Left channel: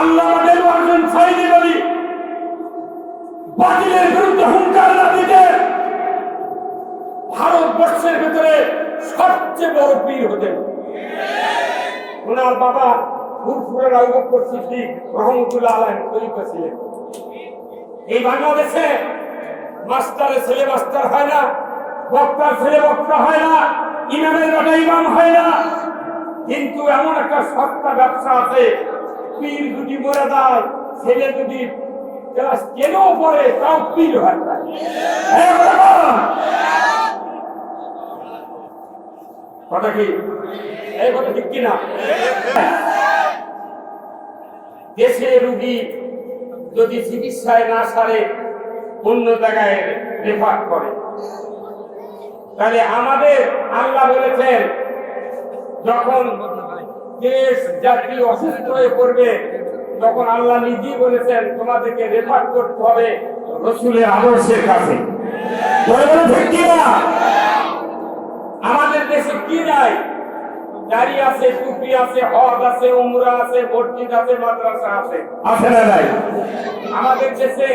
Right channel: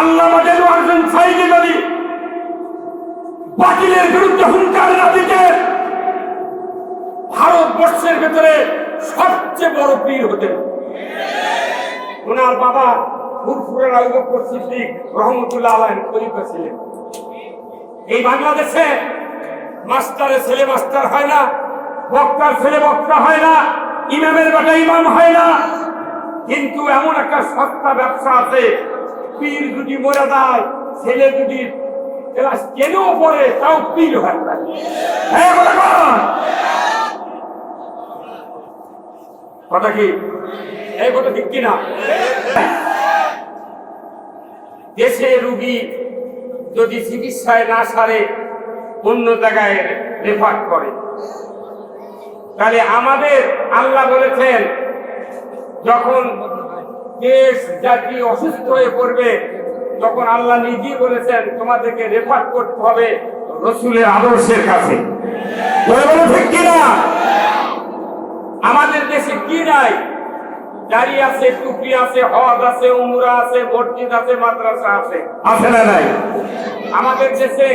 আল্লামা দেলোয়ার হোসেন সাঈদী যদি বাতিলের বিরুদ্ধে হুঙ্কার না দিতে, ভারতবর্ষের ভেতরে সবচেয়ে বড় পীর হতেন। ওনার বাবা ফুরফুরে আবু বকর সিদ্দিক রহমতুল্লাহ আলাইহি খলিফা ছিলেন। এই বাংলাদেশে মাস্টারের ছেলে মাস্টার হয় না, বক্তার ছেলে বক্তা হয় না, ইমামের বেটা ইমাম হয় না, কিন্তু এমন একটা সস্তা ব্যবসা আছে, পীর যদি মরে যায়, ছেলে যদি ক্লাস 10 পড়ে তাও পীর হয় না। কথা কি এই কথা ঠিক কিনা? দেশে রোগী যদি চিকিৎসায় না সারে অন্য জায়গায় রেফার করে, তাহলে আমাদের আল্লাহ বলেছেন যখন দেশ জাতি অসুস্থ হয়ে পড়বে তখন আল্লাহ নিজেই বলেছেন তোমাদেরকে রেফার করতে হবে রাসূলের আদর্শের কাছে। ঠিক কিনা? আমাদের দেশে কি নাই? দাড়ি আছে, টুপি আছে, হজ আছে, উমরা আছে, মসজিদ আছে, মাদ্রাসা আছে, আছে না নাই? আমাদের দেশে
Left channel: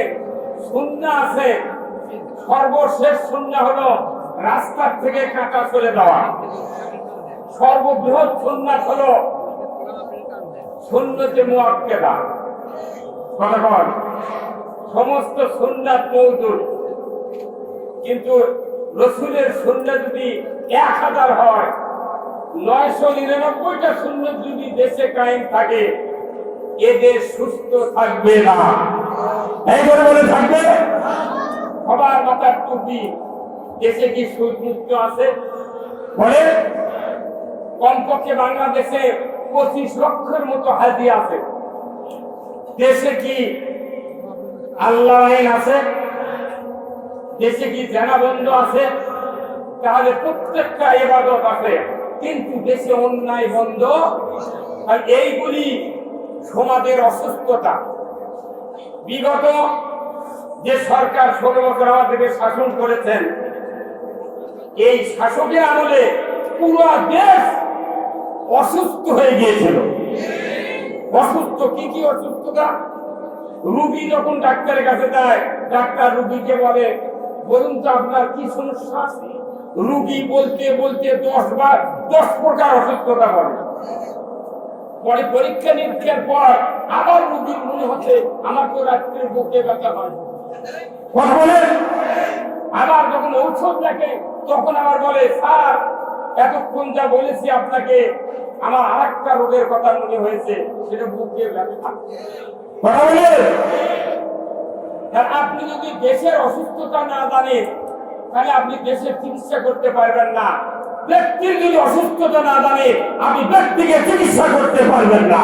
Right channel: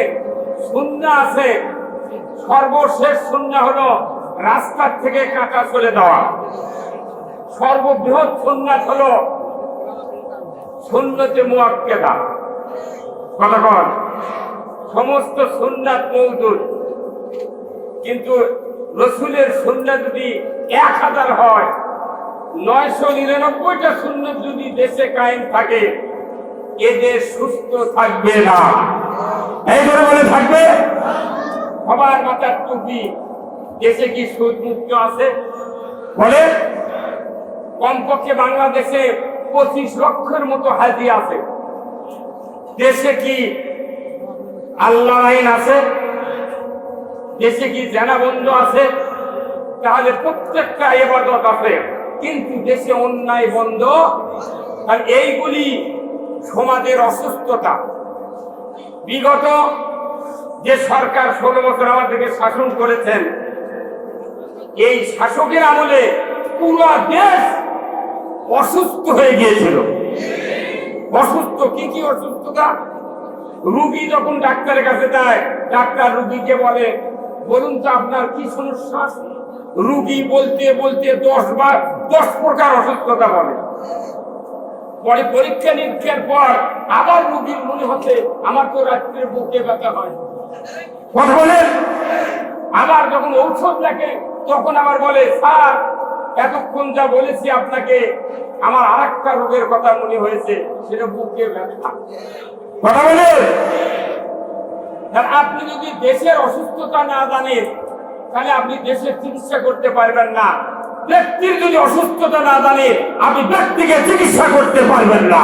সুন্নাহ আছে। সর্বশেষ সুন্নাহ হলো রাস্তার থেকে কাঁটা চলে যাওয়া। সর্ববৃহৎ সুন্নাত হলো সুন্নতে মুআক্কাদা। কতক্ষণ সমস্ত সুন্নাত মওজুদ, কিন্তু রাসূলের সুন্নাত যদি 1000 হয়, 999টা সুন্নাত যদি দেশে কায়েম থাকে, এ দেশ সুস্থ থাকবে না। এই বলে থাকবে। সবার মাথার টুপি। দেশে কি সুদ মুক্ত আছে? বলে কমপক্ষে বাংলাদেশে 25 লক্ষের মতো হাজি আছে। দেশে কি আল্লাহ আইন আছে? দেশে কি জানা বন্ধ আছে? তাহলে প্রত্যেকটা ইবাদত আছে, কিন্তু দেশে অন্যায় বন্ধ। আর এইগুলি সমাজের অসুস্থতা। বিগত যে সরকার 16 বছর আমাদেরকে শাসন করেছেন, এই শাসকের আমলে পুরো দেশ অসুস্থ হয়ে গিয়েছিল। অসুস্থ কি কি অসুস্থতা? রোগী যখন ডাক্তারের কাছে যায়, ডাক্তার রোগীকে বলে বলুন তো আপনার কি সমস্যা? রোগী বলতে বলতে 10 প্রকার অসুস্থতা বলে। পরে পরীক্ষা নিরীক্ষার পর আবার রোগীর মনে হচ্ছে আমার তো রাত্রে বুকে ব্যথা হয়, কথা বলে। আবার যখন ঔষধ দেখে তখন আবার বলে স্যার এতক্ষণ যা বলেছি আপনাকে, আমার আরেকটা রোগের কথা মনে হয়েছে, সেটা বুকে ব্যথা, কথা বলে। আপনি যদি দেশের অসুস্থতা না জানেন তাহলে আপনি দেশের চিকিৎসা করতে পারবেন না। ব্যক্তির যদি অসুস্থতা না জানে আপনি ব্যক্তিকে চিকিৎসা করতে পারবেন না।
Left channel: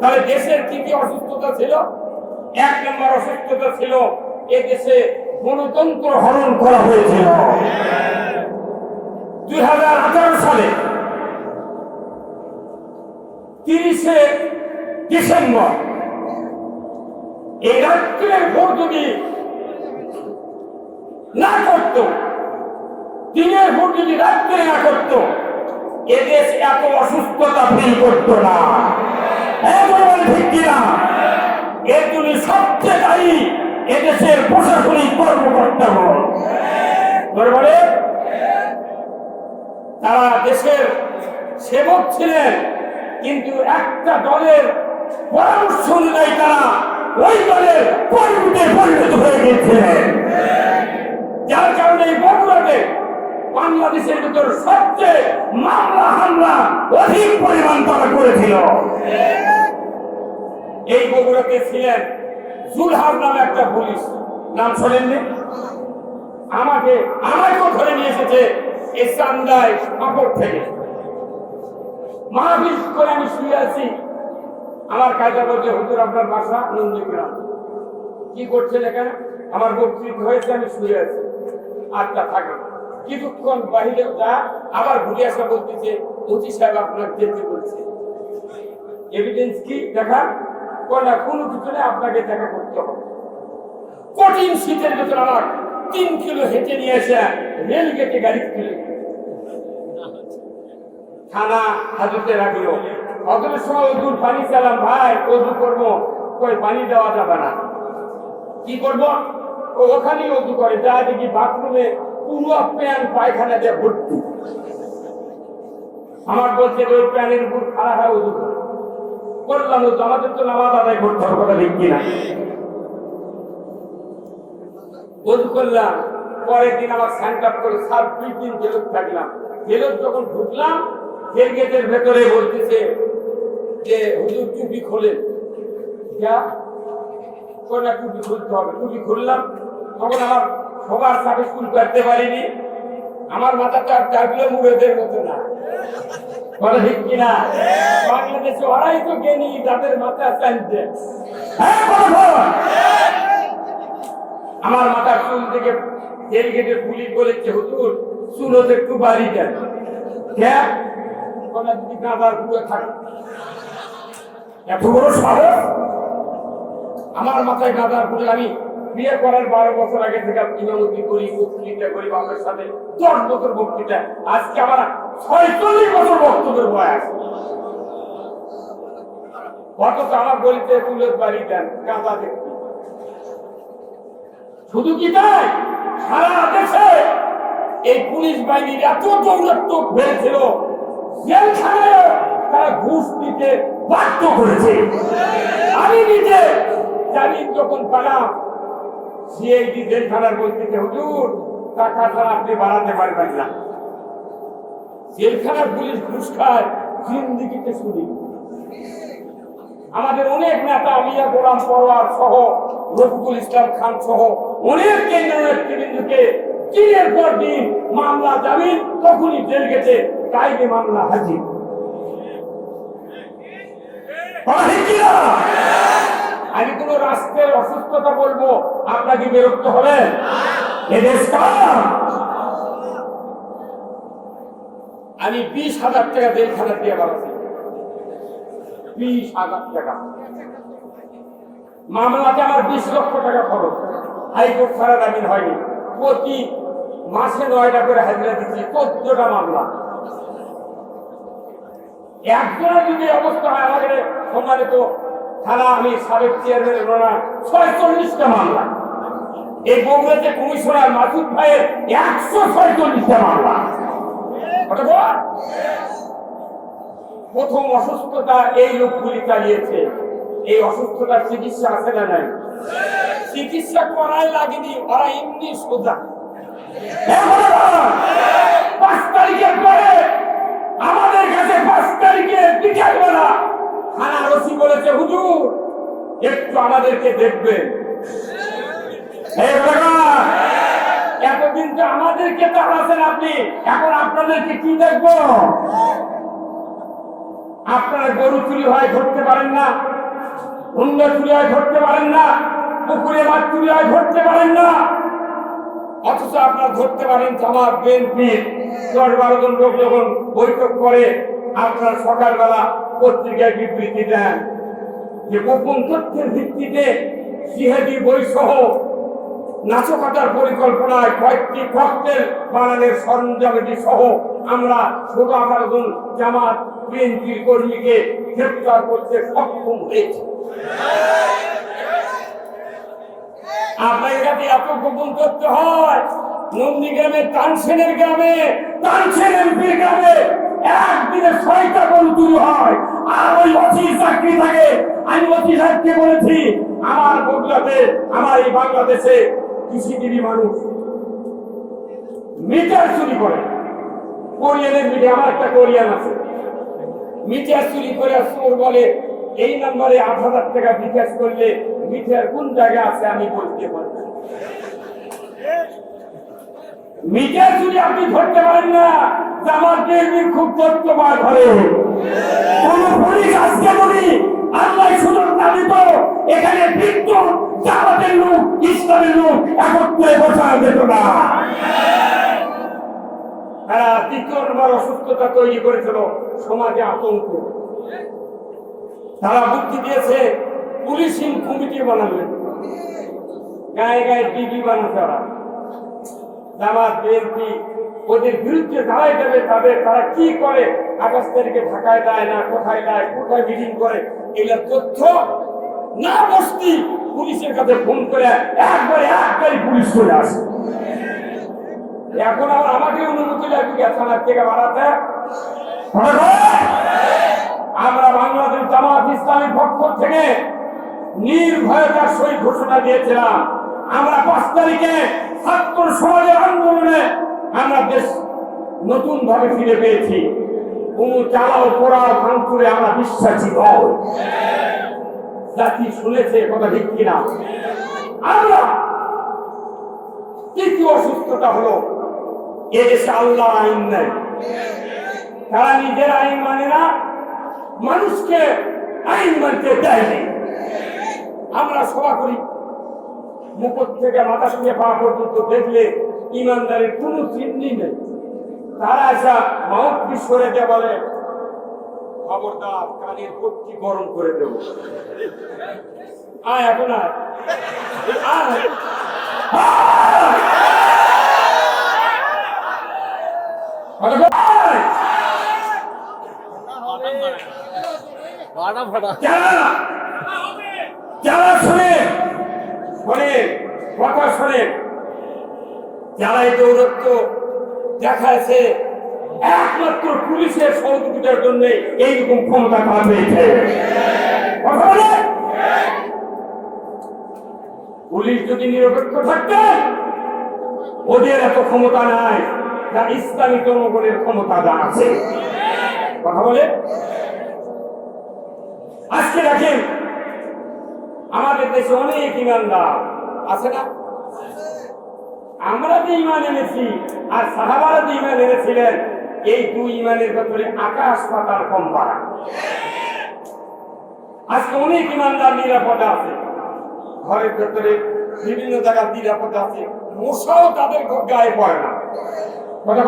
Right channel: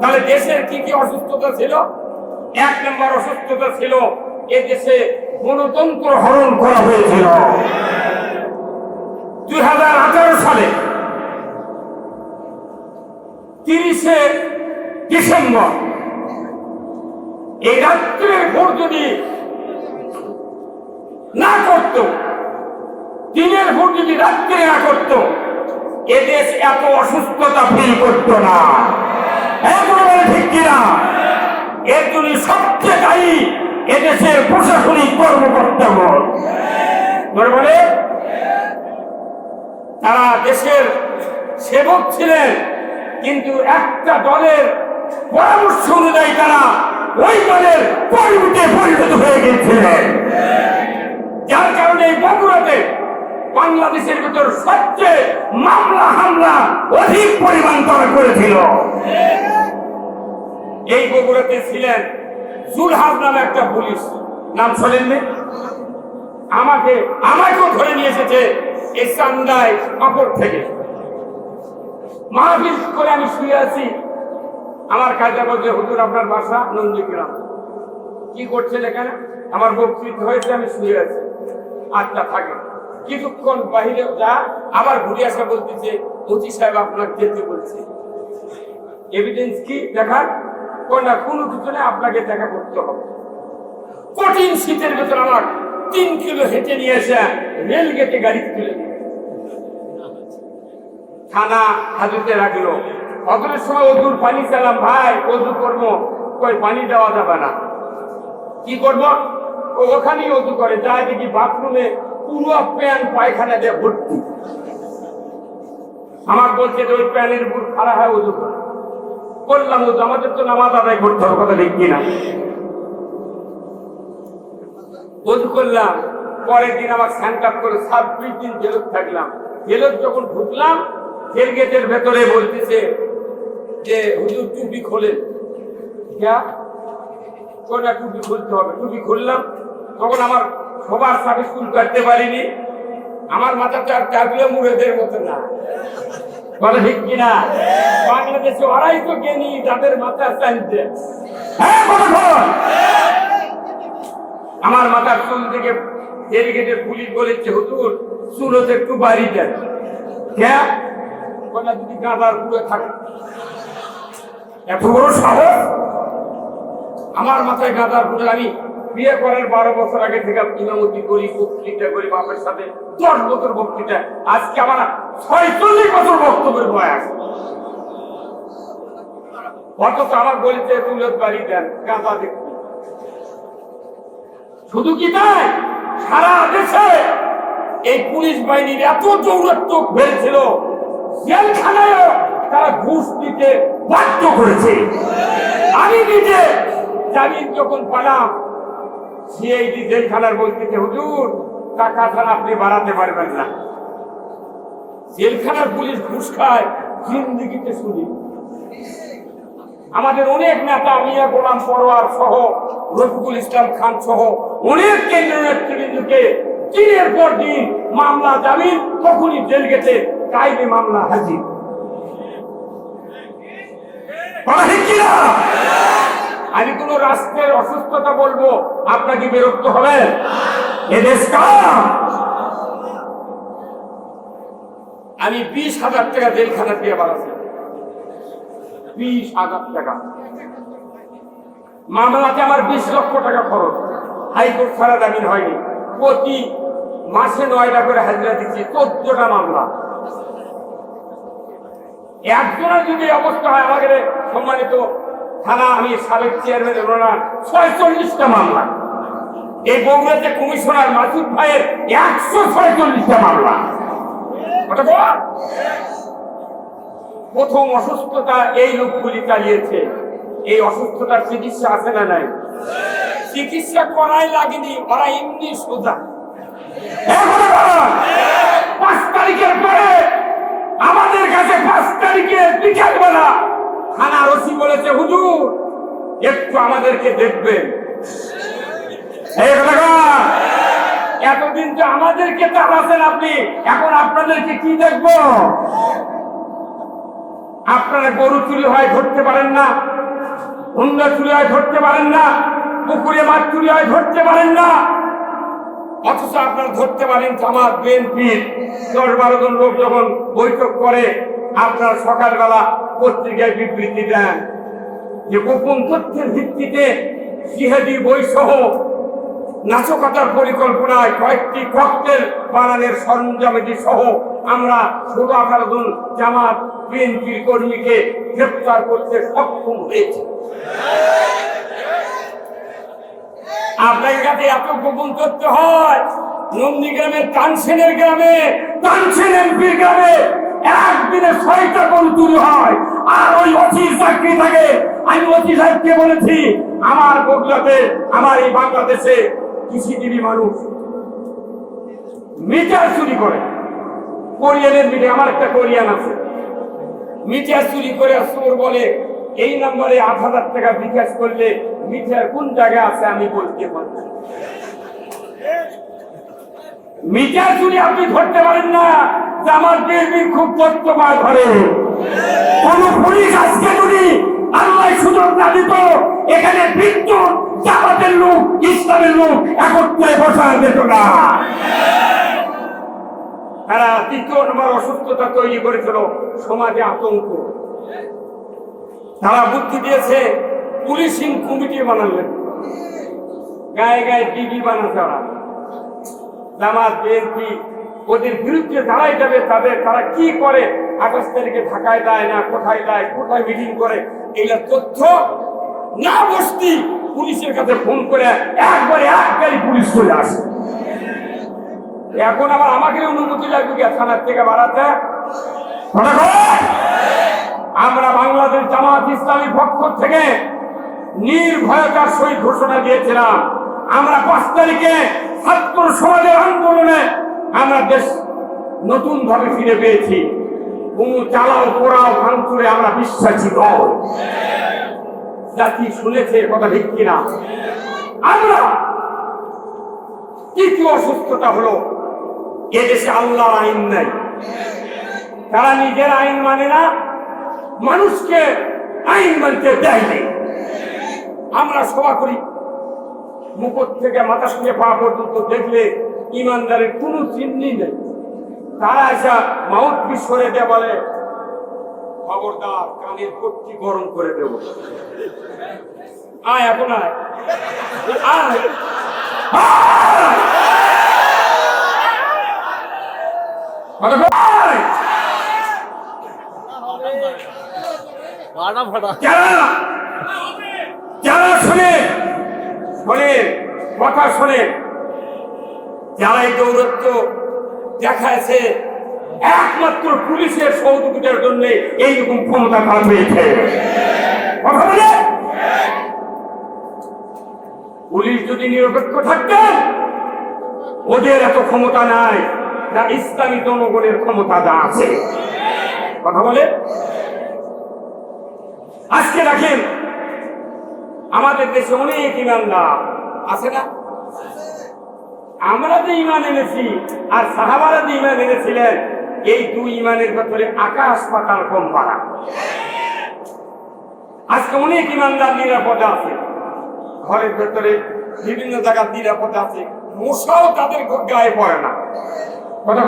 তাহলে দেশের কি কি অসুস্থতা ছিল? 1 নম্বর অসুস্থতা ছিল এ দেশে গণতন্ত্র হরণ করা হয়েছিল। 2018 সালে 30শে ডিসেম্বর এই রাত্রে ভোট যদি না করত, দিনের ভোট যদি রাত্রে না করত, এদেশ এত অসুস্থতা ফিল করত না। ঠিক কিনা? এর জন্য সবচেয়ে দায়ী এদেশের প্রশাসনিক কর্মকর্তা বলে। তারা দেশের সেবক ছিলেন, কিন্তু একটা দলের পরামর্শ অনুযায়ী তারা ওই দলের কর্মীতে পরিণত হয়ে গেছিলেন। যার কারণে বগুড়াতে বাংলাদেশের ভিতর সবচেয়ে মামলা হামলা অধিক পরিমাণ তারা করেছিল। এই বগুড়াতে ছিলেন জুলহাস নামে একটা পুলিশ, নাম শোনেননি? আমাকেও ধরে নিয়ে এসেছে এই চান্দায় কাপড় থেকে। মাহফিল করে আমি শুয়ে আছি, আমার কাজে বলছে হুজুর আপনার বাসা নন্দীগ্রাম, কি করছেন এখানে? আমার বক্তৃতা হয়েছে, আমি শুয়ে আছি। আচ্ছা থাকে। কিছুক্ষণ বাহিরে যা, আবার ঘুরে আসা বলতেছে ওসি সাহেব আপনার যেতে বলছে। এভিডেন্স কি দেখার? কোনো কিছু নেই, আপনাকে দেখা করতে হবে। কঠিন শীতের ভেতর আমার 3 কিলো হেঁটে নিয়ে এসে রেল গেটে গাড়ি তুলে থানা হাজতে রাখলো। অতএর সময় ওজুর পানি চালাম, ভাই ওজু করবো, কই পানি দেওয়া যাবে না, কি করবো? ওখানেই ওজু করে, যা দেখি বাথরুমে পুরো প্যান পায়খানা দিয়ে ভর্তি। আমার বলছে যে ওই প্যানের উপর খারাপ হয় ওজু করে। করলাম ওজু, আমাদের তো নামাজ আদায় করতে হবে, কথা ঠিক কিনা? ওজু করলাম, পরের দিন আমার স্যান্ড আপ করে 26 দিন জেলত থাকলাম। জেলত যখন ঢুকলাম, জেল গেটের ভেতরে বলতেছে যে হুজুর টুপি খোলেন। টুপি খুলতে হবে। টুপি খুললাম, তখন আমার সবার সাথে স্কুল করতে পারিনি, আমার মাথাটা আর টাকলে মুড়েদের মতো না, বলে ঠিক কিনা? বাংলাদেশে ওরাই তো জ্ঞানী, যাদের মাথা চাইছে। আমার মাথার চুল থেকে জেল গেটের পুলিশ বলেছে, হুজুর চুল একটু বাড়ি দেন। যদি গাঁদার পুরো থাকে, এত বড় সাহস আমার মাথায় গাঁদার পুরো। আমি বিয়ে করার 12 বছর আগে থেকে ইমামতি করি, বক্তৃতা করি বাপের সাথে, 10 বছর বক্তৃতা, আজকে আমার 46 বছর বক্তব্যের বয়স। অথচ আমার বলছে চুলের বাড়ি দেন, গাঁদা দেখি। শুধু কি তাই, সারা দেশে এই পুলিশ বাহিনীর এত দৌরাত্মক হয়েছিল, জেলখানায় তারা ঘুষ দিতে বাধ্য করেছে। আমি নিজে জামিন যখন পেলাম, সিআইডি জেলখানার বলতেছে, হুজুর টাকা ছাড়া আপনি বাড়াতে পারবেন না। জেলখানার পুলিশ ঘুষ খায়, জিন্দিগিতে শুনি। আমাদের অনেক নেতা, মিয়া গোলাম পরোয়ার সহ, রফিকুল ইসলাম খান সহ অনেক কেন্দ্রীয় নেতৃবৃন্দকে দিনের পর দিন মামলা জামিন, তখনই জেল গেছে কায়দে মামলা হাজির। আমি কোন রাষ্ট্রের অসুস্থতা বলবো, আপনাকে বিরক্ত হবে? এদেশ কার? আমি 20,000 টাকা জেলখানা দিয়ে বাড়াচ্ছি, 20,000 টাকা। মামলাতে আমার 20 লক্ষ টাকা খরচ, হাইকোর্ট ছাড়া জামিন হয়নি। প্রতি মাসে 9টা করে হাজিরা দিচ্ছি, 14টা মামলা। একজনের যদি অবস্থা হয়, আমাদের সম্মানিত থানা, আমি সাবেক চেয়ারম্যান, ওনারা 46টা মামলা। এই বগুড়াতে কমিশনার মাসুদ ভাইয়ের 146টা মামলা। প্রথম অসুস্থতা এই লোকগুলি চালিয়েছে। এই অসুস্থতার চিকিৎসা আছে না নাই? চিকিৎসা করাই লাগেনি, ওরা এমনি সোজা। 5 তারিখের পরে আমাদের কাছে 5 তারিখে বিকালবেলা থানার ওসি বলেছে, হুজুর একটু আমাদেরকে দেখবেন। এতদিন তো আমাদেরকে তাড়াচ্ছেন আপনি, এখন আপনাদেরকে কি দেখবো? আপনারা গরু চুরি হয় ধরতে পারেন না, হুন্ডা চুরি হয় ধরতে পারেন না, পুকুরে মাছ চুরি হয় ধরতে পারেন না, অথচ আপনারা ধরতে পারেন জামাত বিএনপির 10-12 জন লোক যখন বৈঠক করে, আপনারা সকালবেলা পত্রিকায় বিবৃতি দেন যে গোপন তথ্যের ভিত্তিতে জিহাদি বইসহ নাশকতার পরিকল্পনায় কয়েকটি ককটেল বানানোর সরঞ্জামাদি সহ আমরা 16-18 জন জামাত বিএনপি কর্মীকে গ্রেফতার করতে সক্ষম হয়েছি। আপনার কাছে এত গোপন তথ্য হয়? নন্দীগ্রামের তানসেনের গ্রামে, তানসেন এমপির গ্রামে একদিনে 6টা গরু চুরি হয়, আর ওই ওসি চাকরি থাকে। আমি ওসি সাহেবকে বলেছি, আমার বগুড়াতে, আমার এই বাংলাদেশে কৃষিজীবী মানুষ মিটার চুরি করে, কোরিয়ানের মিটার, আমার একটা কোরিয়ান আছে, মিটার চুরি করে চোর বলে এই নম্বরে 8,000 টাকা বিকাশ করলে মিটার কোন জায়গায় আছে আমি বলতে পারবো। মিটার চুরি আপনি ধরতে পারেন না। আমার বিএনপির খুব তথ্যবাদ ঘরে কোন পুলিশ আজকে যদি আল্লাহ সুযোগ না দিত, এখানে বিদ্যুৎ জামাতের লোক, ইসলামের লোক একত্রে বসানো যেত না। তারা 3য় নম্বর অসুস্থতা তৈরি করেছিল, সমাজে আতঙ্ক। তারা বুদ্ধি দিয়েছে পুলিশিং কমিটি বানালেন, গায়ে গায়ে ডিবি বানানো। তারা জামাত বিএনপি ওদের বিরুদ্ধে দাঁড়াই যাবে, তারা কি করে 28 তারিখে ঢাকায় দেয় না, কোথায় দেয়, কোথায় মিটিং করে, এগুলোর তথ্য না বসতি পুলিশের কাছে ফোন করে একবারে এক গাড়ি পুলিশ চলে আসে। এখন আবার আমাকে অনুমতি লাগবে কি থানার থেকে বাড়াতে? আমরা বাংলাদেশ জামাত ইসলামীর পক্ষ থেকে নির্ভয়তার সহিত ঘোষণা দিয়েছিলাম, আমরা 5 তারিখে ছাত্র সমাজের আন্দোলনে আমরা দেশ নতুন ভাবে ফিরে পেয়েছি। কোন চালাও পোড়াও ভাঙচুরে আমরা বিশ্বাসী নই। জাতি শুনেছে কথা ঠিক কিনা? আমরা তৃতীয় অসুস্থতা হলো এদেশে আল্লাহ আইন নাই, তারা নিজের আইন মানে না, মানুষকে আইন মানতে দেয় নাই। আমরা সভা করি, মুকুট থেকে মাথা থেকে পা পর্যন্ত দেখলে ইমানদারের কোনো চিহ্ন নেই। তারা আসা মাউথ পিস করে দিয়ে বলে, খবরদার কানের পক্ষি গরম করে দেব। আয় এখন আয়, আয়। যারা শুনে কথা শুনে, যারা এই দৌরত্ব দেখাচ্ছে একমাত্র পুলিশের সহযোগিতার জন্য এইরকম ক্ষমতা কাজ হয়েছে। পুলিশ যদি নিরপেক্ষ থাকতে, ওদের এত ক্ষমতা নাই, না ইসলামী জনগণের ক্ষমতা যা আছে। কথা বলে আজকে দেখেন আমাদের দেশে অনেক ইমানদার আছে না? আমরা যে ইমান এনেছি আর সাহাবারা যে ইমান এনেছিলেন, এই দুই ইমানের ভেতরে আকাশ পাতাল কম পারা। আজকে অনেক ইমানদার নিরাপদে আছে, ঘরের ভেতরে বিভিন্ন জায়গায় নিরাপদে আছে, মশাও তাদের গায়ে পড়ে না। কথা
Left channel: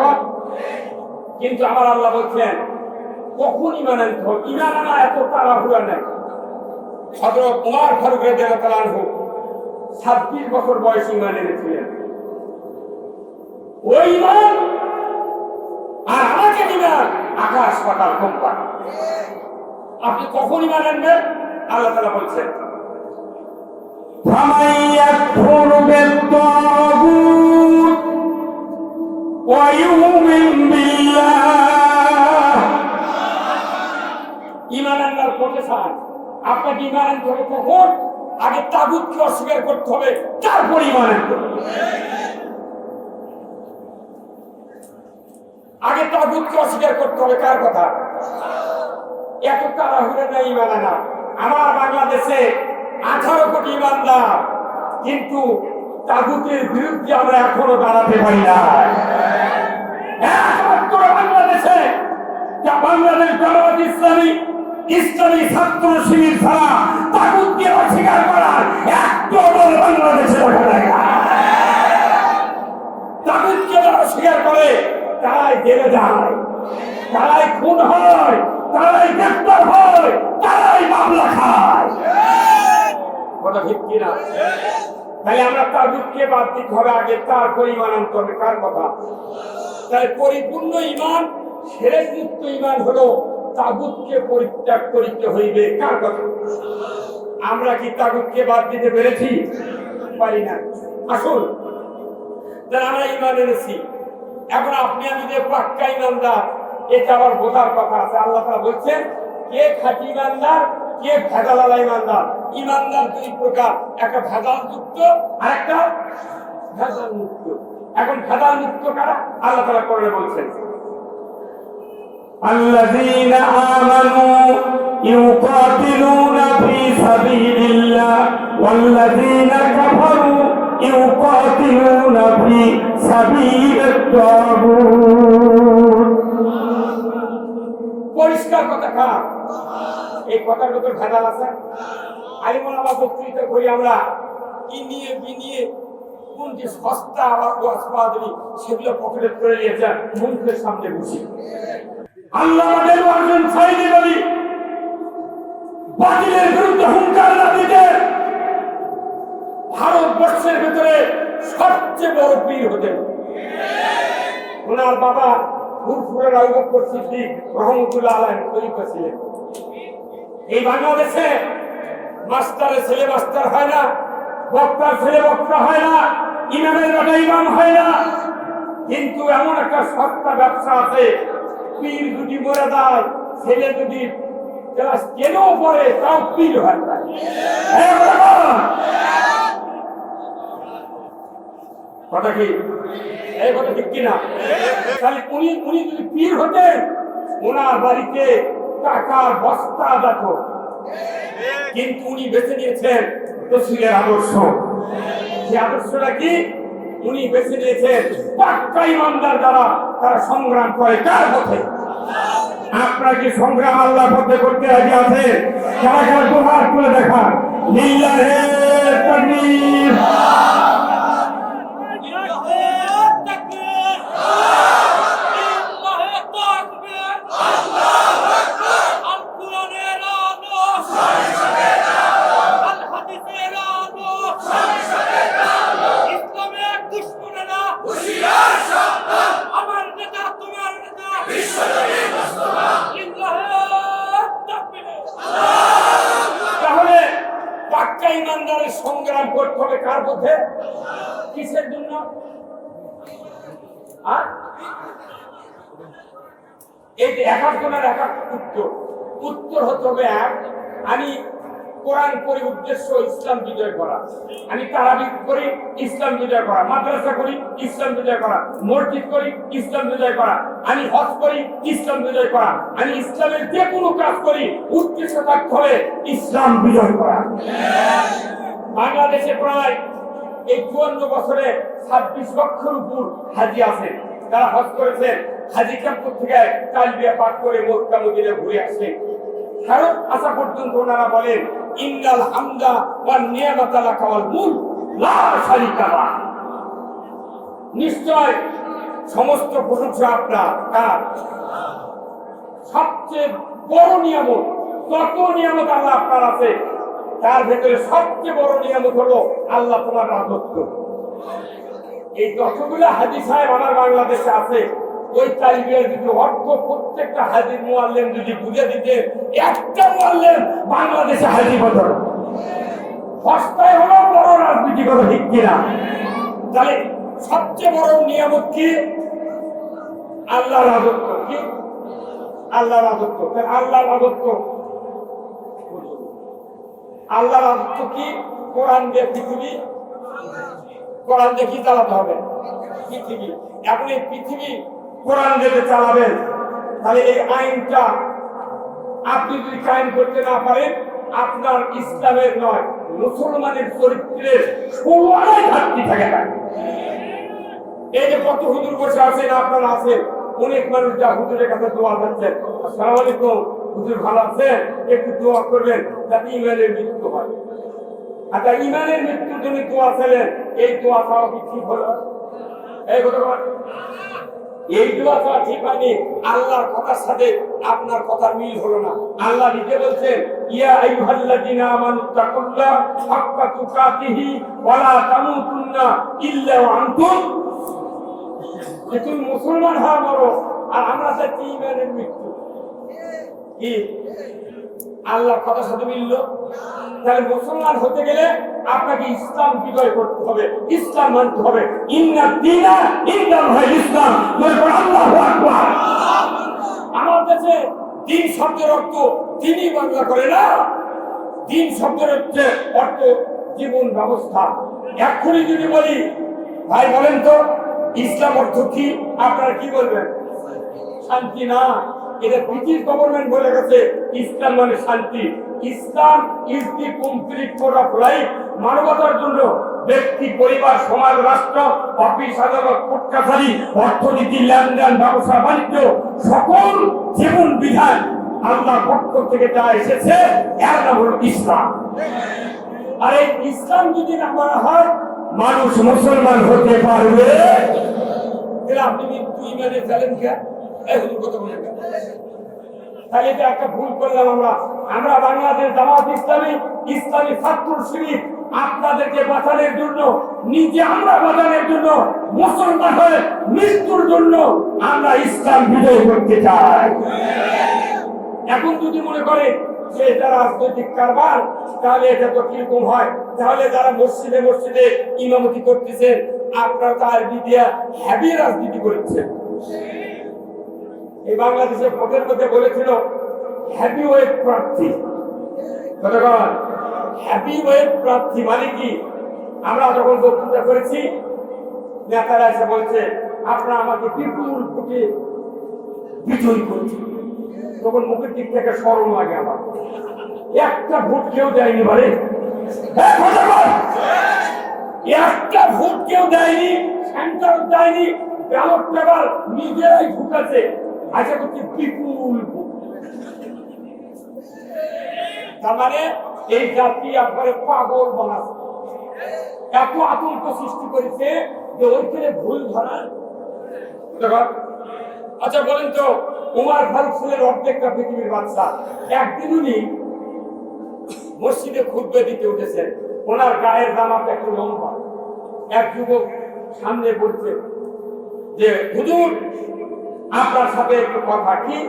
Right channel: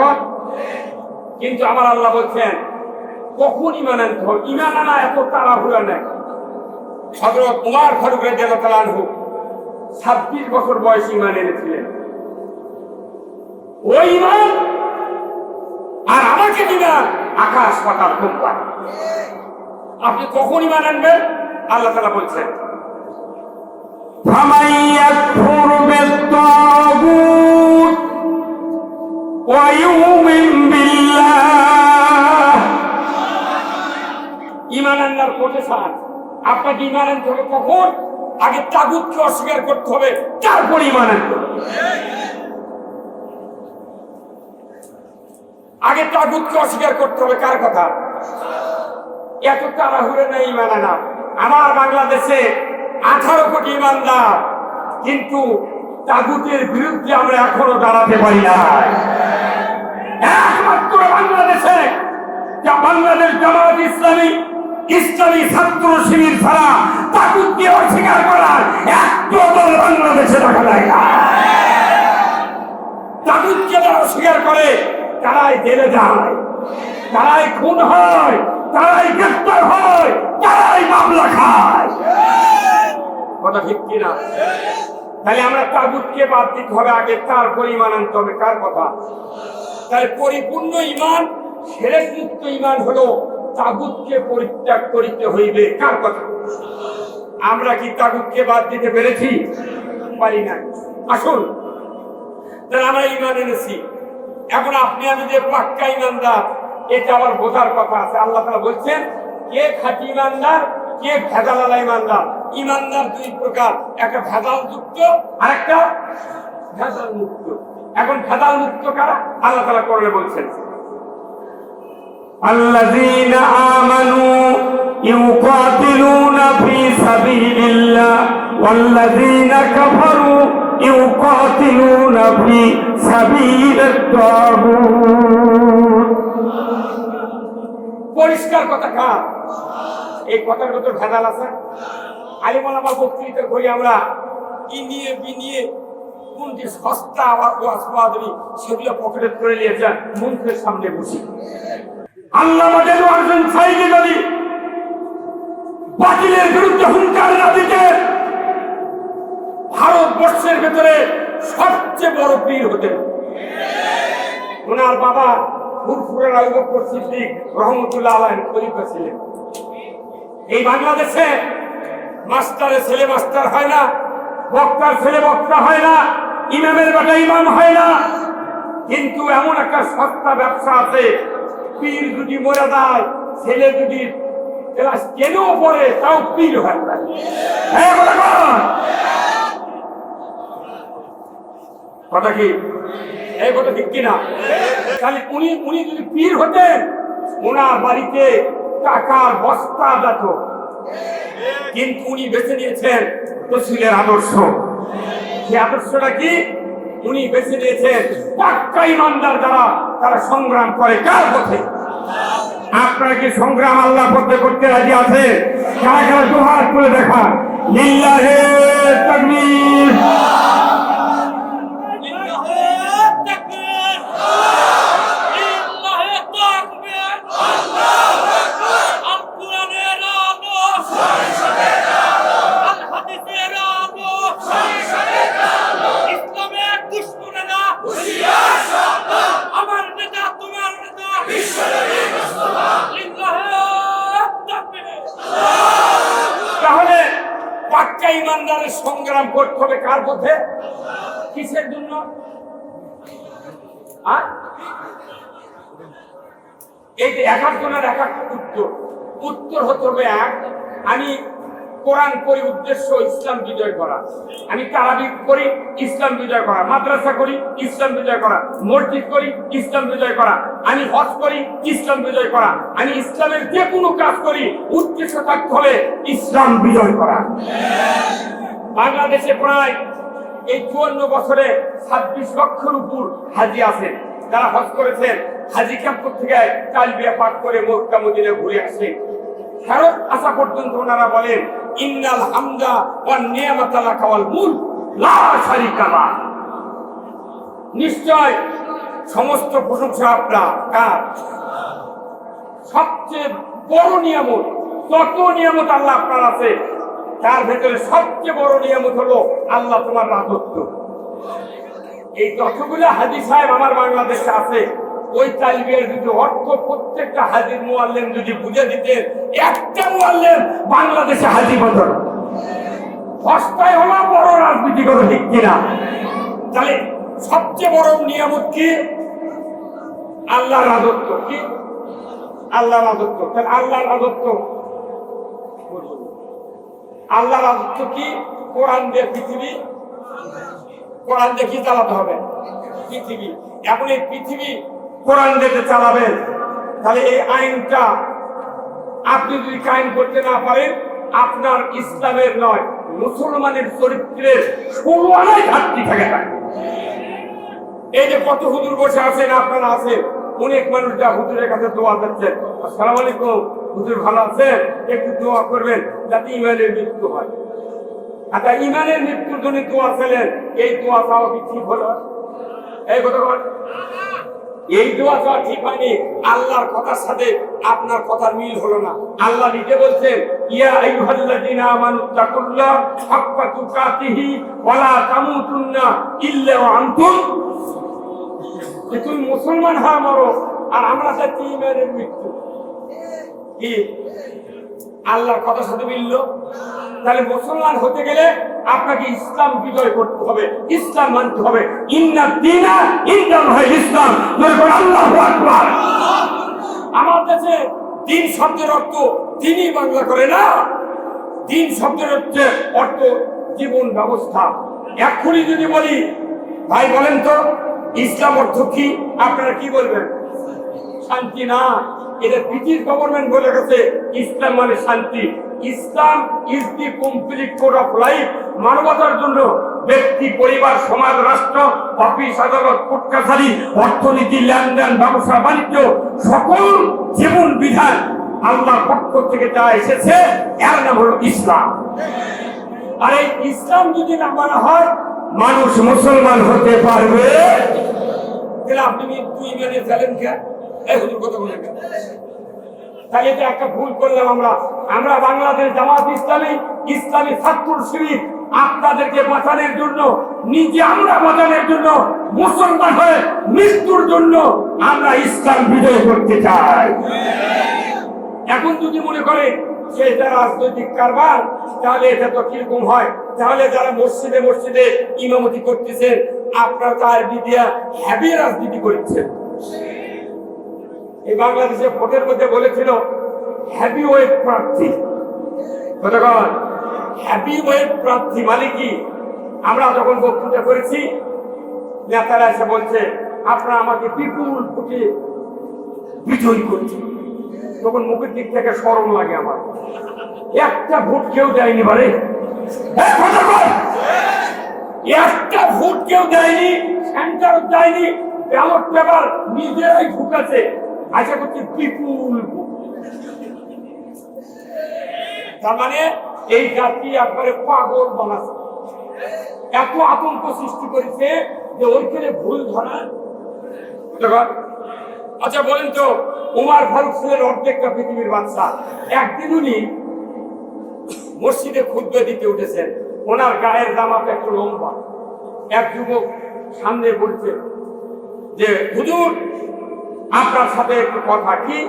কিন্তু আমার আল্লাহ বলছেন কখন ইমান আনতে হবে? ইমান আনা এত তাড়াহুড়া নেই। হযরত ওমর ফারুক রাদিয়াল্লাহু আনহু 26 বছর বয়সে ইমান এনেছিলেন। ওই ইমান আর আমাকে দিনা আকাশ পাতাল কম্পা। আপনি কখন ইমান আনবেন? আল্লাহ তাআলা বলছেন, ফামান ইয়াকফুর বিত-তাগুত ওয়া ইউমিন বিল্লাহ। ইমান আনার প্রতিষ্ঠান আপনাকে ইমান আনতে হবে কখন? আগে তাগুতকে অস্বীকার করতে হবে, তারপর ইমান আনতে হবে। আগে তাগুতকে অস্বীকার করতে হবে। কার কথা? এত তাড়াহুড়ো নেই ইমান আনা। আমার বাংলাদেশে 18 কোটি ইমানদার, কিন্তু তাগুতের বিরুদ্ধে আমরা এখনো দাঁড়াতে পারি না। একমাত্র বাংলাদেশে বাংলাদেশ জামাত ইসলামী, ইসলামী ছাত্র শিবির ছাড়া তাগুতকে অস্বীকার করার একটা দল বাংলাদেশে দেখা যায় না। তাগুতকে যারা অস্বীকার করে তারাই জেলে যায়, তারাই খুন হয়, তারাই গ্রেফতার হয়, তারাই মামলা খায়। কথা ঠিক কিনা? তাই আমরা তাগুতকে বাদ দিতে হবে আগে, তারপর ইমান আনতে হবে। কার কথা? তাই পরিপূর্ণ ইমান, শিরক মুক্ত ইমান হলো তাগুতকে পরিত্যাগ করিতে হইবে। কার কথা? আমরা কি তাগুতকে বাদ দিতে পেরেছি? পারি না। আসুন, তাহলে আমরা ইমান এনেছি, এখন আপনি আমি যে পাক্কা ইমানদার, এটা আবার বোঝার কথা আছে। আল্লাহ তাআলা বলছেন কে খাঁটি ইমানদার, কে ভেজালওয়ালা ইমানদার। ইমানদার দুই প্রকার, একটা ভেজাল যুক্ত আর একটা ভেজাল মুক্ত। এখন ভেজাল মুক্ত কারা? আল্লাহ তাআলা কোরআনে বলছেন, আল্লাযীনা আমানু ইউকাতিলুনা ফী সাবিলিল্লাহ ওয়াল্লাযীনা কাফারু ইউকাতিলুনা ফী সাবিলিত তাগুত। পরিষ্কার কথা কার? এই কথার ভিতর ভেজাল আছে। আলিমালামা বক্তৃতা করি আমরা, ইনিয়ে বিনিয়ে কোনটি সস্তা আবার ওয়াসবাদী সেগুলো পকেটে করে নিয়েছেন, মুখের সামনে বসি। আল্লাহ আমাদের একজন সাইদি যদি বাতিলের বিরুদ্ধে হুঙ্কার না দিতে, ভারতবর্ষের ভেতরে সবচেয়ে বড় পীর হতেন। ওনার বাবা ফুরফুরে আবু বকর সিদ্দিক রহমতুল্লাহ আলাইহি খলিফা ছিলেন। এই বাংলাদেশে মাস্টারের ছেলে মাস্টার হয় না, বক্তার ছেলে বক্তা হয় না, ইমামের বেটা ইমাম হয় না, কিন্তু এমন একটা সস্তা ব্যবসা আছে, পীর যদি মরে যায়, ছেলে যদি ক্লাস 10 পড়ে তাও পীর হয় না। কথা কি এই কথা ঠিক কিনা? তাহলে উনি যদি পীর হতেন, ওনার বাড়িতে টাকার বস্তা যেত, কিন্তু উনি বেছে নিয়েছেন রাসূলের আদর্শ। সেই আদর্শটা কি? উনি বেছে নিয়েছেন পাক্কা ইমানদার যারা, তারা সংগ্রাম করে কার পথে? আপনারা কি সংগ্রাম আল্লাহর পথে করতে রাজি আছেন? কারা কারা দুহাত তুলে দেখা, লিল্লাহে তাকবীর। তাহলে পাক্কা ইমানদারের সংগ্রাম করতে হবে কার পথে? কিসের জন্য? এই যে এক একজনের এক এক উত্তর হতে হবে এক। আমি কোরআন পড়ি, উদ্দেশ্য ইসলাম বিজয় করা। আমি তারাবি করি, ইসলাম বিজয় করা। মাদ্রাসা করি, ইসলাম বিজয় করা। মসজিদ করি, ইসলাম বিজয় করা। আমি হজ করি, ইসলাম বিজয় করা। আমি ইসলামের যে কোনো কাজ করি, উদ্দেশ্য থাকতে হবে ইসলাম বিজয় করা। বাংলাদেশে প্রায় এই 54 বছরে 26 লক্ষের উপর হাজি আছে, যারা হজ করেছেন। হাজি ক্যাম্প থেকে তালবিয়া পাঠ করে মক্কা মদিনা ঘুরে আসে। কারণ আসা পর্যন্ত ওনারা বলেন ইন্নাল হামদা ওয়ান নিয়ামাতা লাকা ওয়াল মুলক লা শারীকা লাহ। নিশ্চয় সমস্ত প্রশংসা আপনার। কার? সবচেয়ে বড় নিয়ামত, যত নিয়ামত আল্লাহ আপনার আছে, তার ভেতরে সবচেয়ে বড় নিয়ামত হলো আল্লাহ তোমার রাজত্ব। এই যতগুলো হাজি সাহেব আমার বাংলাদেশে আছে, ওই তালবিয়ার যদি অর্থ প্রত্যেকটা হাজির মুআল্লিম যদি বুঝে দিতেন, একটা মুআল্লিম বাংলাদেশে হাজি হতো। সস্তায় হলো বড় রাজনীতি কথা, ঠিক কিনা? তাহলে সবচেয়ে বড় নিয়ামত কি? আল্লাহ রাজত্ব। কি? আল্লাহ রাজত্ব। তাহলে আল্লাহ রাজত্ব, আল্লাহ রাজত্ব কি? কোরআন দিয়ে পৃথিবী, কোরআন দিয়ে কি চালাতে হবে? পৃথিবী। এখন এই পৃথিবী কোরআন দিয়ে চালাবেন, তাহলে এই আইনটা আপনি যদি কায়েম করতে না পারেন, আপনার ইসলামের নয় মুসলমানের চরিত্রের ষোলোয়ানায় ঘাটতি থাকে না। এই যে কত হুজুর বসে আছেন, আপনারা আছেন, অনেক মানুষ যা হুজুরের কাছে দোয়া দিচ্ছেন, আসসালামু আলাইকুম হুজুর ভালো আছেন, একটু দোয়া করবেন যাতে ইমানের মৃত্যু হয়। আচ্ছা, ইমানের মৃত্যুর জন্য দোয়া চাইলেন, এই দোয়া চাওয়া কি ঠিক হলো? এই কথা বল, এই দোয়া চাওয়া ঠিক হয়নি। আল্লাহর কথার সাথে আপনার কথার মিল হলো না। আল্লাহ নিজে বলছেন ইয়া আইয়ুহাল্লাযীনা আমানুত্তাকুল্লাহ হাক্কা তুকাতিহি ওয়া লা তামুতুন্না ইল্লা ওয়া আনতুম। তুমি মুসলমান হওয়া মারো, আর আমরা চাচ্ছি ইমানের মৃত্যু। কি আল্লাহর কথার সাথে মিলল? তাহলে মুসলমান হতে গেলে আপনাকে ইসলাম বিজয় করতে হবে, ইসলাম মানতে হবে। ইন্না দীনা ইনদাল্লাহিল ইসলাম। আল্লাহু আকবার। আমার দেশে দিন শব্দের অর্থ দিনই বাংলা করে না, দিন শব্দের অর্থ জীবন ব্যবস্থা। এক্ষুনি যদি বলি ভাই বলেন তো ইসলাম অর্থ কি, আপনারা কি বলবেন? শান্তি না। এটা ব্রিটিশ গভর্নমেন্ট বলে গেছে ইসলাম মানে শান্তি। Islam is the complete code of life. মানবতার জন্য ব্যক্তি, পরিবার, সমাজ, রাষ্ট্র, অফিস, আদালত, কোর্ট কাছারি, অর্থনীতি, লেনদেন, ব্যবসা বাণিজ্য, সকল জীবন বিধান আল্লাহর পক্ষ থেকে যা এসেছে এর নাম হলো ইসলাম। আর এই ইসলাম যদি না মানা হয়, মানুষ মুসলমান হতে পারবে? তাহলে আপনি মৃত্যু ইমানের ফেলেন কে? এই হুজুর কথা বলেন কে? তাহলে তো একটা ভুল করলাম আমরা বাংলাদেশ জামাত ইসলামী, ইসলামী ছাত্র শিবির আপনাদেরকে বাঁচানোর জন্য, নিজে আমরা বাঁচানোর জন্য মুসলমান হয়ে মৃত্যুর জন্য আমরা ইসলাম বিজয় করতে চাই। এখন যদি মনে করে যে এটা রাজনৈতিক কারবার, তাহলে এটা তো কিরকম হয়? তাহলে যারা মসজিদে মসজিদে ইমামতি করতেছেন, আপনারা তার বিদিয়া হ্যাভি রাজনীতি করছেন। এই বাংলাদেশের ভোটের মধ্যে বলেছিল হ্যাভি ওয়েট প্রার্থী। কতক্ষণ হ্যাভি ওয়েট প্রার্থী মানে কি? আমরা যখন বক্তৃতা করেছি, নেতারা এসে বলছে আপনারা আমাকে বিপুল ভোটে বিজয়ী করছেন, তখন মুখের দিক থেকে শরম লাগে আমার। একটা ভোট কেউ দেয়নি বলে, একটা ভোট কেউ দেয়নি, সেন্টার দেয়নি, ব্যালট পেপার নিজেরাই ঢুকাছে। আশা করছি বিপুল ভোট। তার মানে এই জাতি একবারে পাগল বানাচ্ছে, এত আতঙ্ক সৃষ্টি করেছে যে ওইখানে ভুল ধরা। আচ্ছা বলেন তো, উমর ফারুক ছিলেন অর্ধেকটা পৃথিবীর বাদশা। একদিন উনি মসজিদে খুতবা দিতে উঠেছেন, ওনার গায়ের জামাটা একটু লম্বা। এক যুবক সামনে বলছে যে হুজুর আপনার সাথে একটু কথা। কি?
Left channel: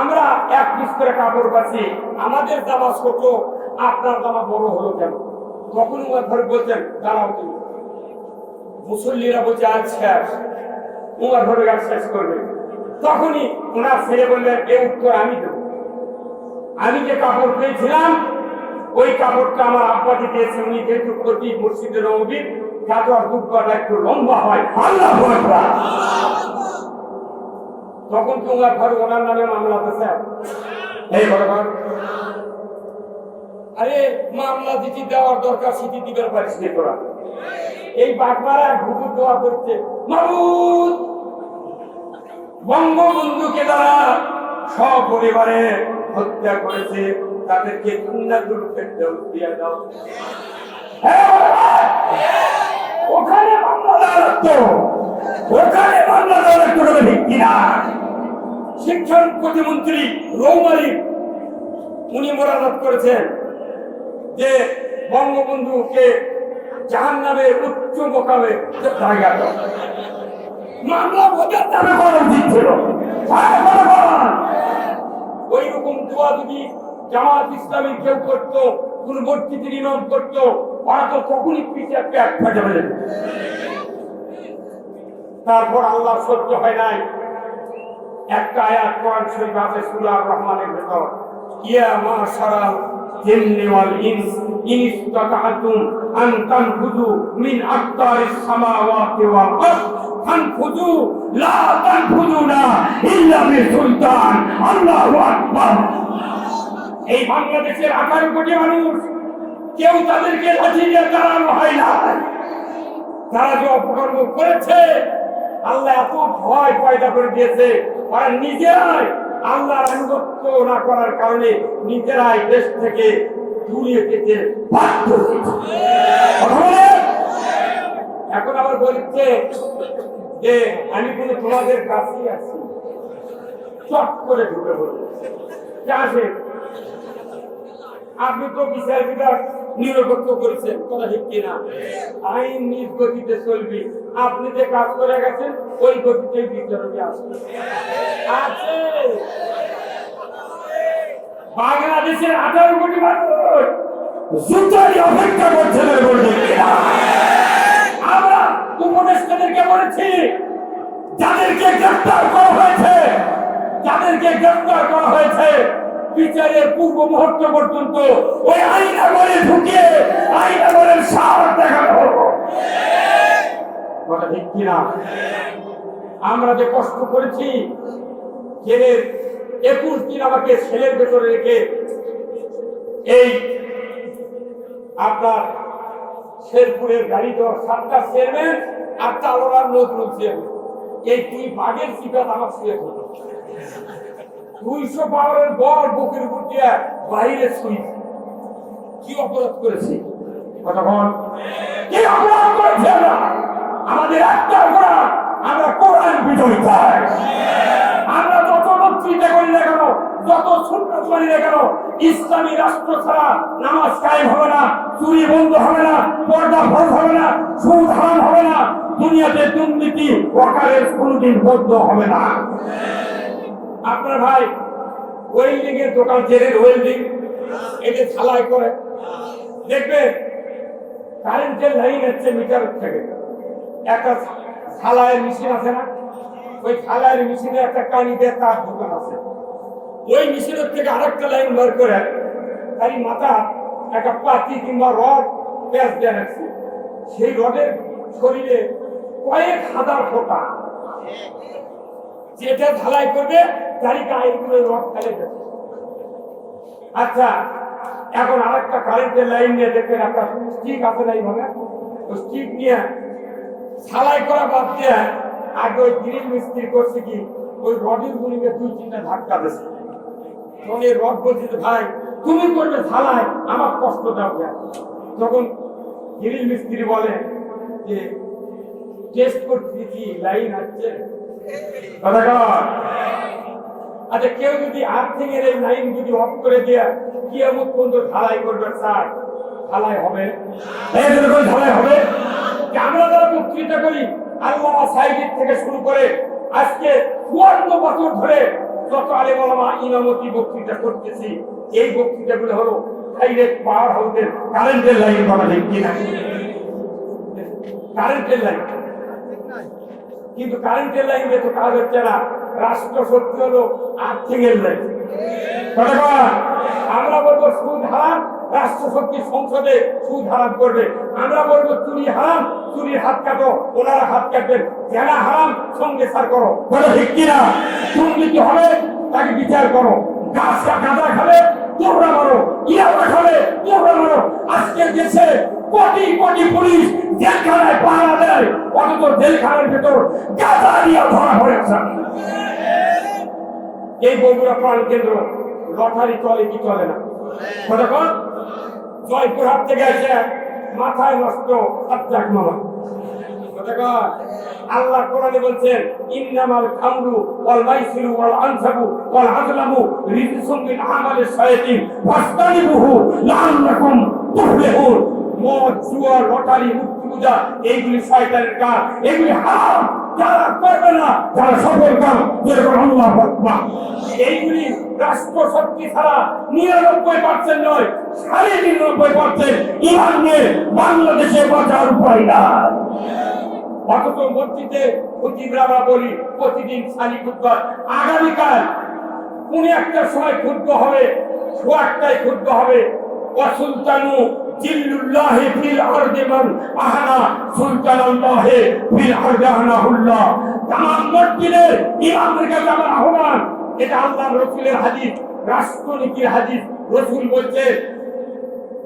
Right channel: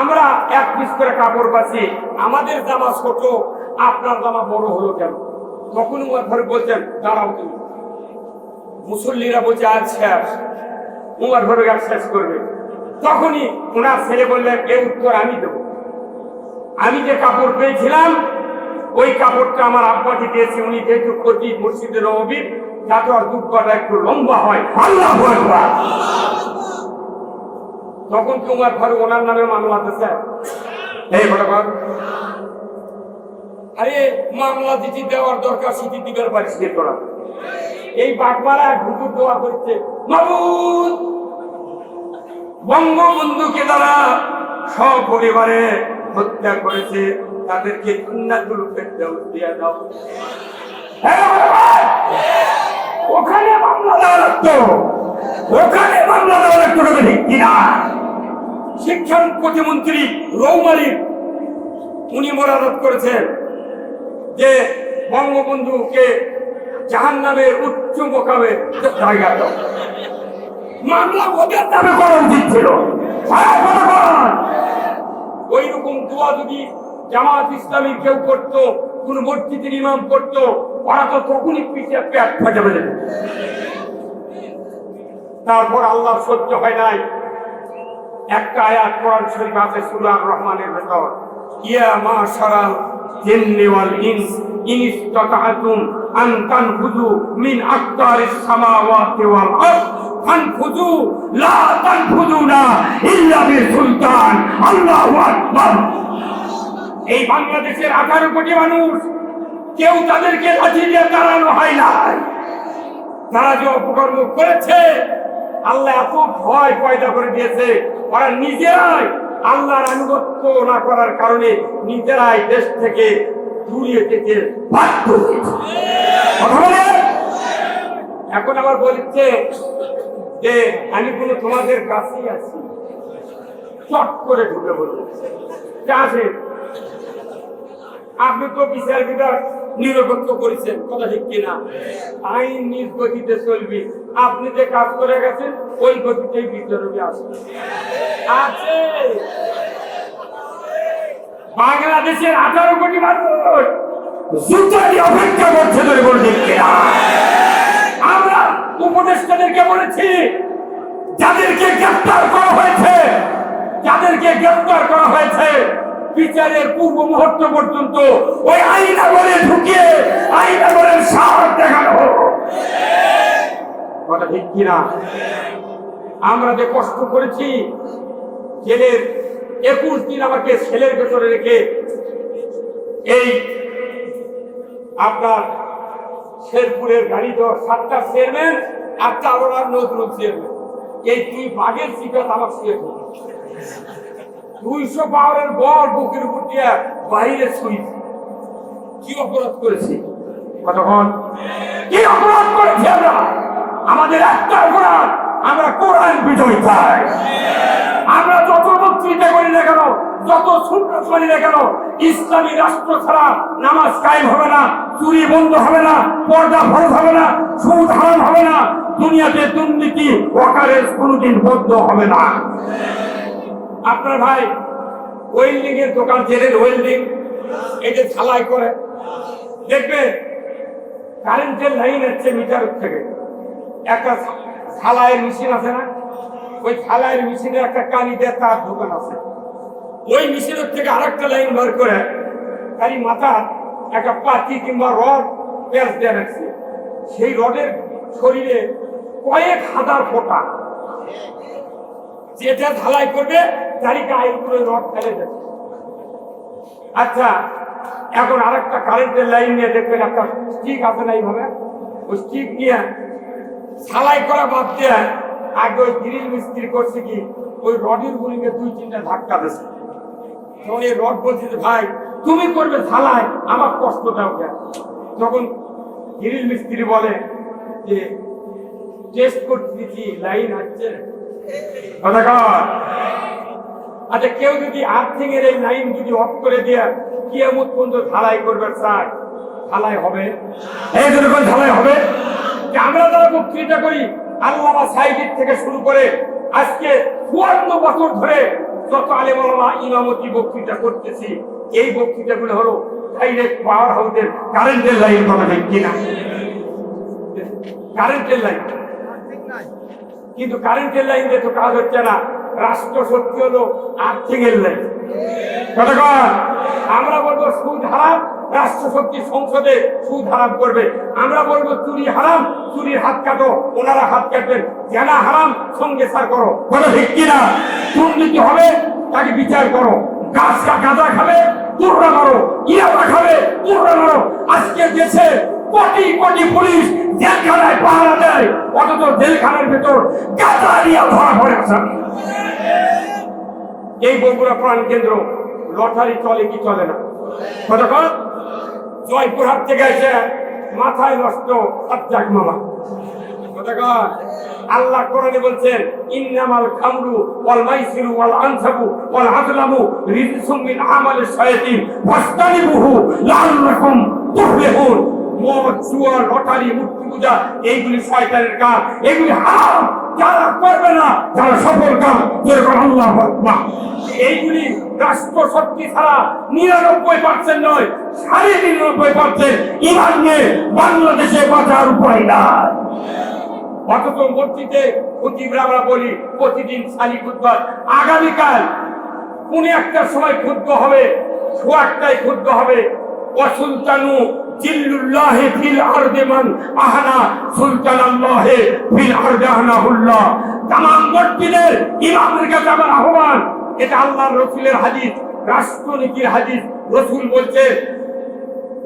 আমরা এক পিস করে কাপড় পাচ্ছি, আমাদের জামা ছোট, আপনার জামা বড় হলো কেন? তখন উমর ফারুক বলছেন দাঁড়াও তুমি। মুসল্লিরা বলছে আজ শেষ। উমর ফারুক আর শেষ করবে। তখনই ওনার ছেলে বললেন এই উত্তর আমি দেব। আমি যে কাপড় পেয়েছিলাম ওই কাপড়টা আমার আব্বাকে দিয়েছি, উনি যেহেতু প্রতি মসজিদে নববীর, যাতে আর দুঃখটা একটু লম্বা হয়। আল্লাহু আকবার। তখন কি উমর ফারুক ওনার নামে মামলা দিয়েছে? এই বরাবর আরে মামলা দিতে দেওয়ার দরকার, সিটি দিবের পারিস নি তোরা। এই বাগমারা হুজুর দোয়া করছে, মাবুদ বঙ্গবন্ধুকে যারা সপরিবারে হত্যা করেছে তাদেরকে জান্নাতুল ফেরদাউস দিয়ে দাও। ওখানে মামলা দেওয়ার তো, ওখানে মামলা দেওয়ার কোনো ঠিক কিনা? শিক্ষা প্রতিমন্ত্রী রৌমারী উনি মোনাজাত করেছেন যে বঙ্গবন্ধুকে জাহান্নামের উচ্চ মোকামে জায়গা দাও। মামলা ওদের নামে করা উচিত ছিল। ওই রকম দোয়া যদি জামাত ইসলামী কেউ করতো, কোন মসজিদের ইমাম করতো, ওরা তো তখনই পিছিয়ে পেট ফাটে যাবে। তারপর আল্লাহ সহ্য হয় নাই, একটা আয়াত কোরআন শরীফ আছে সূরা আর-রহমানের ভেতর, ইয়া মাশারাল জিন্নি ওয়াল ইনস ইন ইসতাতা'তুম আন তানফুযু মিন আকতারিস সামাওয়াতি ওয়াল আরদ ফানফুযু লা তানফুযুনা ইল্লা বিসুলতান। আল্লাহু আকবার। এই বাংলাদেশের 18 কোটি মানুষ, কেউ তাদেরকে লাঠি দিয়ে তাড়ানো হয় না। তারা যে অপকর্ম করেছে, আল্লাহ এত ভয় পয়দা করে দিয়েছে, ওরা নিজেরাই আল্লাহর আনুগত্য না করার কারণে নিজেরাই দেশ থেকে দূরে যেতে বাধ্য হয়েছে। এখন আবার বলছে যে আমি কোনো তোমাদের কাছেই আছি, চট করে ঢুকে বলছে আসে। আপনি তো বিচার বিভাগ নিরপেক্ষ করেছেন, কথা ঠিক কিনা? আইন নিজ গতিতে চলবি। আপনি যে কাজ করে গেছেন ওই গতিতেই বিচারকে আসবে আছে। বাংলাদেশের 18 কোটি মানুষ জুতারই অপেক্ষা করছে। আমরা উপদেষ্টাদেরকে বলেছি, যাদেরকে গ্রেফতার করা হয়েছে, যাদেরকে গ্রেফতার করা হয়েছে, বিচারের পূর্ব মুহূর্ত পর্যন্ত ওই আইন আমলে ঢুকিয়ে আইন আমলের সাহস দেখানো হলো। কথা ঠিক কিনা? আমরা যে কষ্ট করেছি, জেলের 21 দিন আমাকে ছেলের ভেতরে রেখে এই আপনার শেরপুরের গাড়ি দেওয়ার 7টা চেয়ারম্যান আর চারোলার নজরুল চেয়ারম্যান, এই 2 বাঘের সিটাত আমার শুয়ে থাকবে। 200 পাওয়ারের বল বুকের উপর দিয়ে বাইরে শুই। কি অপরাধ করেছি? কথা বল, কি অপরাধ করেছি আমরা? আমাদের একটা অপরাধ, আমরা কোরআন বিজয়ী চাই। আমরা যত বক্তৃতা করি না কেন, যত সুন্নাত করি না কেন, ইসলামী রাষ্ট্র ছাড়া নামাজ কায়েম হবে না, চুরি বন্ধ হবে না, পর্দা ফরজ হবে না, সুদ হারাম হবে না, দুনিয়াতে দুর্নীতি ওয়াকারের কোনোদিন বন্ধ হবে না। আপনার ভাই ওয়েল্ডিং এর দোকান ছেড়ে ওয়েল্ডিং এটা ঝালাই করে, দেখবেন কারেন্টের লাইন হচ্ছে মিটার থেকে একটা ঝালাইয়ের মেশিন আছে না, ওই ঝালাইয়ের মেশিনে একটা কানিতে তার দোকান আছে, ওই মেশিনের থেকে আরেকটা লাইন বের করে খালি মাথা একটা পাতি কিংবা রড পেঁচ দিয়ে রাখছে, সেই রডের শরীরে কয়েক হাজার ফোঁটা, যেটা ঝালাই করবে তারই গায়েগুলো রড ফেলে যাচ্ছে। আচ্ছা, এখন আরেকটা কারেন্টের লাইন নিয়ে দেখবেন একটা স্টিক আছে না, এইভাবে ওই স্টিক নিয়ে ঝালাই করা বাদ দিয়ে আগে ওই গ্রিল মিস্ত্রি করছে কি ওই রডের গুলিকে 2-3টা ধাক্কা দিচ্ছে। তখন এই রড বলছে যে ভাই তুমি করবে ঝালাই, আমার কষ্ট দাও কেন? তখন গ্রিল মিস্ত্রি বলে যে টেস্ট করতে দিচ্ছি লাইন আসছে। আচ্ছা, কেউ যদি আর্থিং এর এই লাইন যদি অফ করে দিয়ে কিয়ামত পর্যন্ত ঝালাই করবে চায়, ঝালাই হবে? এই জন্য ঝালাই হবে। আমরা যারা বক্তৃতা করি আল্লামা সাইদির থেকে শুরু করে আজকে 54 বছর ধরে যত আলেম ওলামা ইমামতি বক্তৃতা করতেছি, এই বক্তৃতাগুলো হলো ডাইরেক্ট পাওয়ার হাউসের কারেন্টের লাইন করা হয় কিনা, কারেন্টের লাইন। কিন্তু কারেন্টের লাইন দিয়ে তো কাজ হচ্ছে না, রাষ্ট্র শক্তি হলো আর্থিক এর লাইন। আমরা বলবো সুদ হারাম, রাষ্ট্র শক্তি সংসদে সুদ হারাম করবে। আমরা বলবো চুরি হারাম, চুরির হাত কাটো, ওনারা হাত কাটবেন। জেনা হারাম, সঙ্গে সার করো, বলো ঠিক কিনা? দুর্নীতি হবে, তাকে বিচার করো। গাঁজা খাবে, তুর্রা মারো। ইয়াবা খাবে, তুর্রা মারো। আজকে দেশে কোটি কোটি পুলিশ জেলখানায় পাহারা দেয়, অথচ জেলখানার ভেতর গাঁজা নিয়ে ধরা পড়েছে। এই বগুড়া প্রাণ কেন্দ্র লটারি চলে কি চলে না? কতক্ষণ জয়পুরহাট থেকে এসে মাথায় নষ্ট সাজ্জাক মামা। আল্লাহ কোরআনে বলছেন ইন্নামাল খামরু ওয়াল মাইসিরু ওয়াল আনসাবু ওয়াল আযলামু রিজসুম মিন আমালিশ শায়াতিন ফাসতানিবুহু লাআল্লাকুম তুফলিহুন। মদ, জুয়া, লটারি, মূর্তি পূজা এইগুলি শয়তানের কাজ, এগুলি হারাম। যারা করবে না, যারা সফল কাজ যেরকম আল্লাহু আকবার, এইগুলি রাষ্ট্র শক্তি ছাড়া 99% নয়, 99.5% ইমান নিয়ে বাংলাদেশে বাঁচার উপায় নাই। অথচ মসজিদে খতিবরা আমরা বলি প্রতিদিন সালি খুতবা। আগামীকাল কোন একটা সময় খুতবা হবে, সোয়াটায় খুতবা হবে। ওয়াসুলতানু জিল্লুল্লাহি ফিল আরদি মান আহানা সুলতানাল্লাহি ফিল আরদি আহনাহুল্লাহ। তামাম মসজিদের ইমামের কাছে আমার আহ্বান, এটা আল্লাহর রাসূলের হাদিস, রাষ্ট্রনীতির হাদিস। রাসূল বলছেন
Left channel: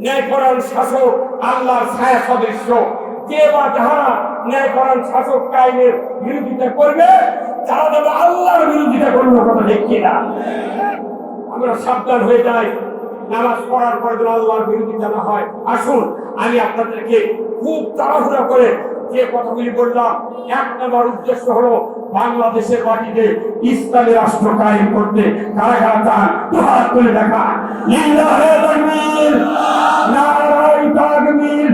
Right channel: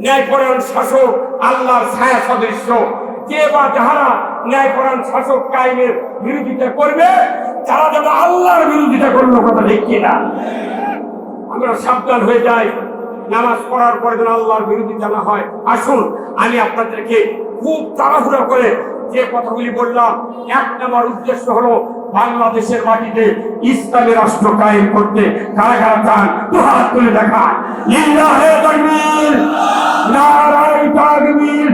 ন্যায়পরায়ণ শাসক আল্লাহর ছায়া সদৃশ্য। যে বা যারা ন্যায়পরায়ণ শাসক কায়েমের বিরোধিতা করবে, তারা যেন আল্লাহর বিরোধিতা করলো, কথা ঠিক কিনা? আমরা সাবধান হয়ে যাই, নামাজ পড়ার পরে যেন আল্লাহর বিরোধিতা না হয়। আসুন আমি আপনাদেরকে খুব তাড়াহুড়া করে যে কথাগুলি বললাম, 1 নম্বর উদ্দেশ্য হলো বাংলাদেশের মাটিতে ইসলামী রাষ্ট্র কায়েম করতে। কারা কারা চান দুহাত তুলে দেখা। লিল্লাহি তাকবীর, নারায়ে তাকবীর।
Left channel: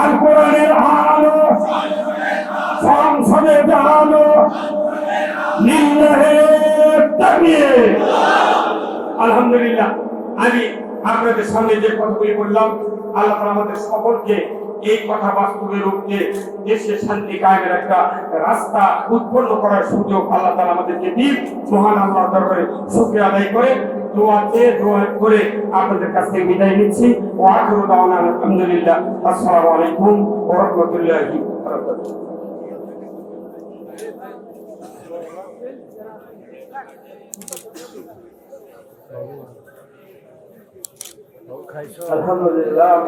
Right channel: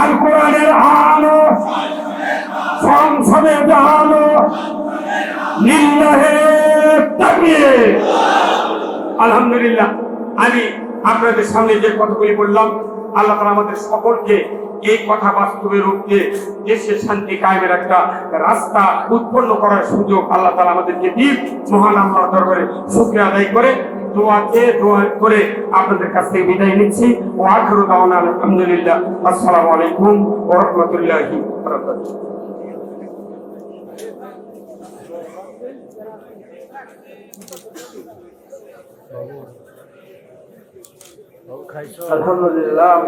আল কোরআনের আলো সংসদে আলো, লিল্লাহি তাকবীর। আলহামদুলিল্লাহ, আমি আপনাদের সামনে যে কথাগুলি বললাম, আল্লাহ তাআলা আমাদের সকলকে এই কথা বাস্তবে রূপ দিয়ে দেশের শান্তি কায়েমের একটা রাস্তা উৎপন্ন করার সুযোগ আল্লাহ তাআলা আমাদেরকে দিন। মহান আল্লাহর দরবারে শুকরিয়া আদায় করে দোয়া করে আপনাদের কাছ থেকে বিদায় নিচ্ছি। ওয়া আখিরু দাওয়ানা আলহামদুলিল্লাহ। আসসালামু আলাইকুম ওয়া রাহমাতুল্লাহি ওয়া বারাকাতুহু। আলহামদুলিল্লাহ।